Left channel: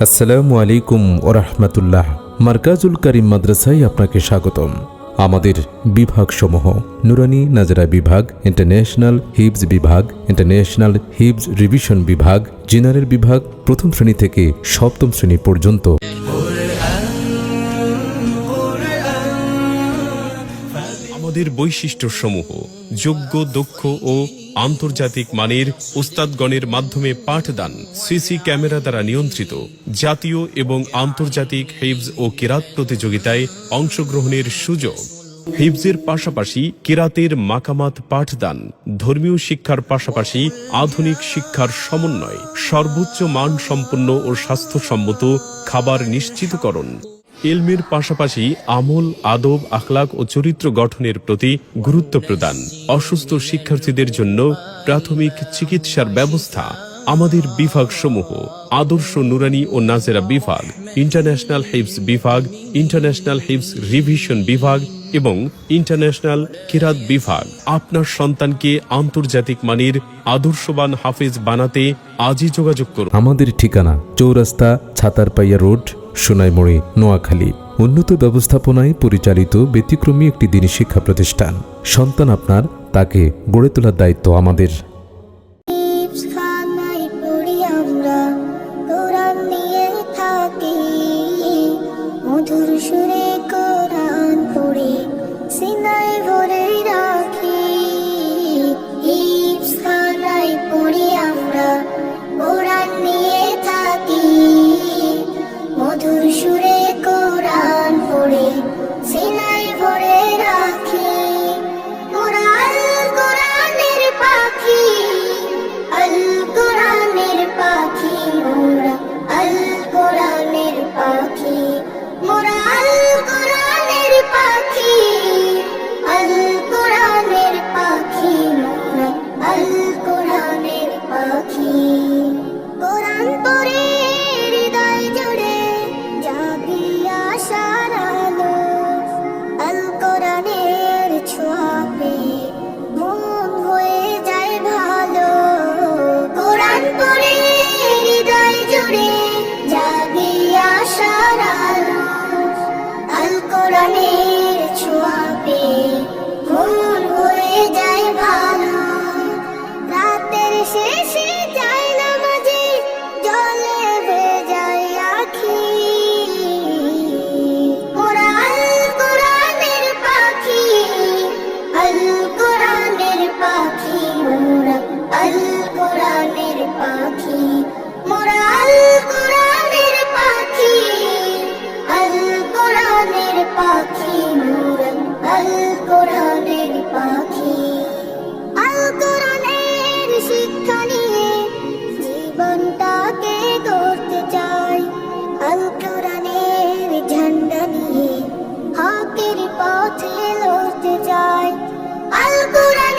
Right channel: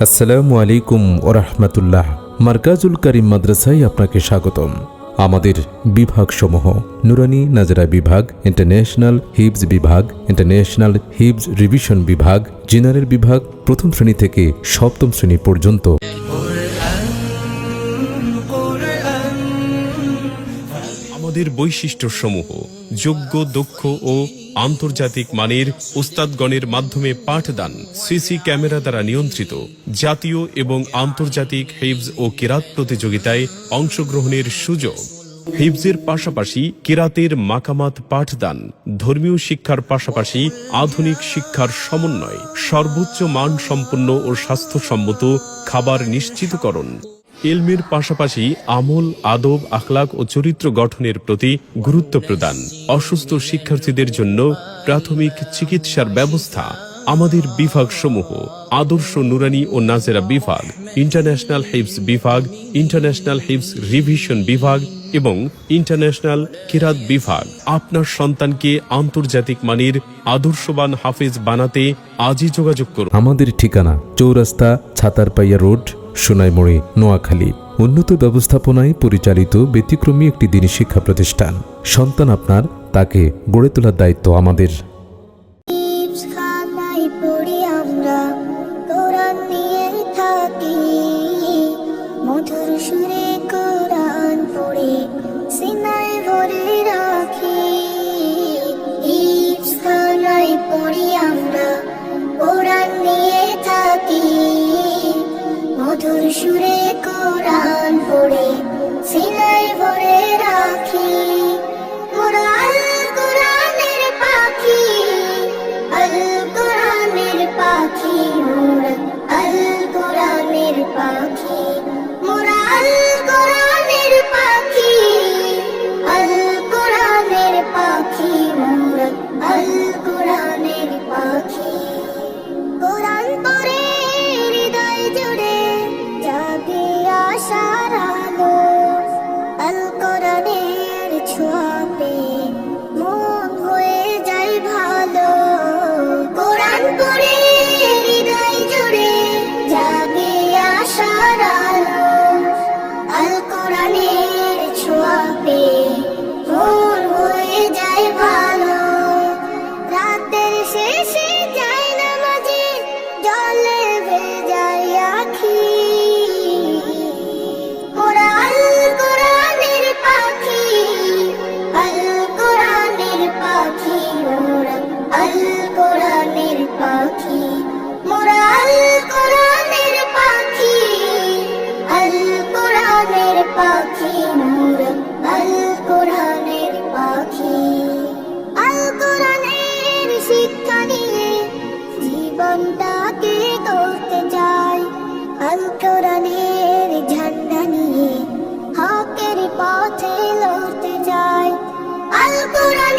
আসসালামু আলাইকুম ওয়া রাহমাতুল্লাহ। মারকাজুল কারীম মাদ্রাসায় আপনাকে স্বাগতম। আমাদের বিভাগসমূহ: নুরানি নাজরা বিভাগ, ইন্টারন্যাশনাল হিফজ বিভাগ, ইন্টারন্যাশনাল হিফজ রিভিশন বিভাগ, জেনারেল বিভাগ, প্রথম শ্রেণী থেকে সপ্তম শ্রেণী পর্যন্ত। আমাদের বৈশিষ্ট্যসমূহ: যোগ্য, দক্ষ ও আন্তর্জাতিক মানের উস্তাদগণের মাধ্যমে পাঠদান, সিসি ক্যামেরা দ্বারা নিয়ন্ত্রিত, জাতীয় এবং আন্তর্জাতিক হিফজ ও কিরাত প্রতিযোগিতায় অংশগ্রহণের সুযোগ, হিফজের পাশাপাশি কিরাতের মাকামাত পাঠদান, ধর্মীয় শিক্ষার পাশাপাশি আধুনিক শিক্ষার সমন্বয়, সর্বোচ্চ মান সম্পন্ন ও স্বাস্থ্যসম্মত খাবার নিশ্চিতকরণ, ইলমের পাশাপাশি আমল, আদব, আখলাক ও চরিত্র গঠনের প্রতি গুরুত্ব প্রদান, অসুস্থ শিক্ষার্থীদের জন্য প্রাথমিক চিকিৎসার ব্যবস্থা। আমাদের বিভাগসমূহ: আদর্শ নুরানি ও নাজেরা বিভাগ, ইন্টারন্যাশনাল হিফজ বিভাগ, ইন্টারন্যাশনাল হিফজ রিভিশন বিভাগ এবং ইন্টারন্যাশনাল কিরাত বিভাগ। আপনার সন্তানকে আন্তর্জাতিক মানের আদর্শবান হাফেজ বানাতে আজই যোগাযোগ করুন। আমাদের ঠিকানা: চৌরাস্তা, ছাতারপাইয়া রোড, সোনাইমুড়ি, নোয়াখালী। উন্নত ব্যবস্থাপনায় পরিচালিত ব্যতিক্রমী একটি দিনী শিক্ষা প্রতিষ্ঠান। সন্তান আপনার, তাকে গড়ে তোলার দায়িত্ব আমাদের। মধুর সুরে কোরআন পড়ে সিনায় ভরে রাখি। মোরা আল কোরআনের পাখি, আল কোরআনের পাখি, মোরা আল কোরআনের পাখি, মোরা আল কোরআনের পাখি, আল কোরআনের পাখি, মোরা আল কোরআনের পাখি। কোরআন পড়ে হৃদয় জুড়ে জাগে আশার আলো, আল কোরআনের ছোঁয়াতে মন হয়ে যায় ভালো। কোরআন পড়ে হৃদয় জুড়ে জাগে আশার আলো, আল কোরআনের ছোঁয়াতে মন হয়ে যায় ভালো। রাতের শেষে যায় নামাজে জলে ভেজায় আখি। মোরা আল কোরআনের পাখি, আল কোরআনের পাখি, মোরা আল কোরআনের পাখি, মোরা আল কোরআনের পাখি, আল কোরআনের পাখি, মোরা আল কোরআনের পাখি। আল কোরআনের শিক্ষা নিয়ে জীবনটাকে গড়তে চাই, আল কোরআনের ঝান্ডা নিয়ে হকের পথে লড়তে চাই। আল কোরআন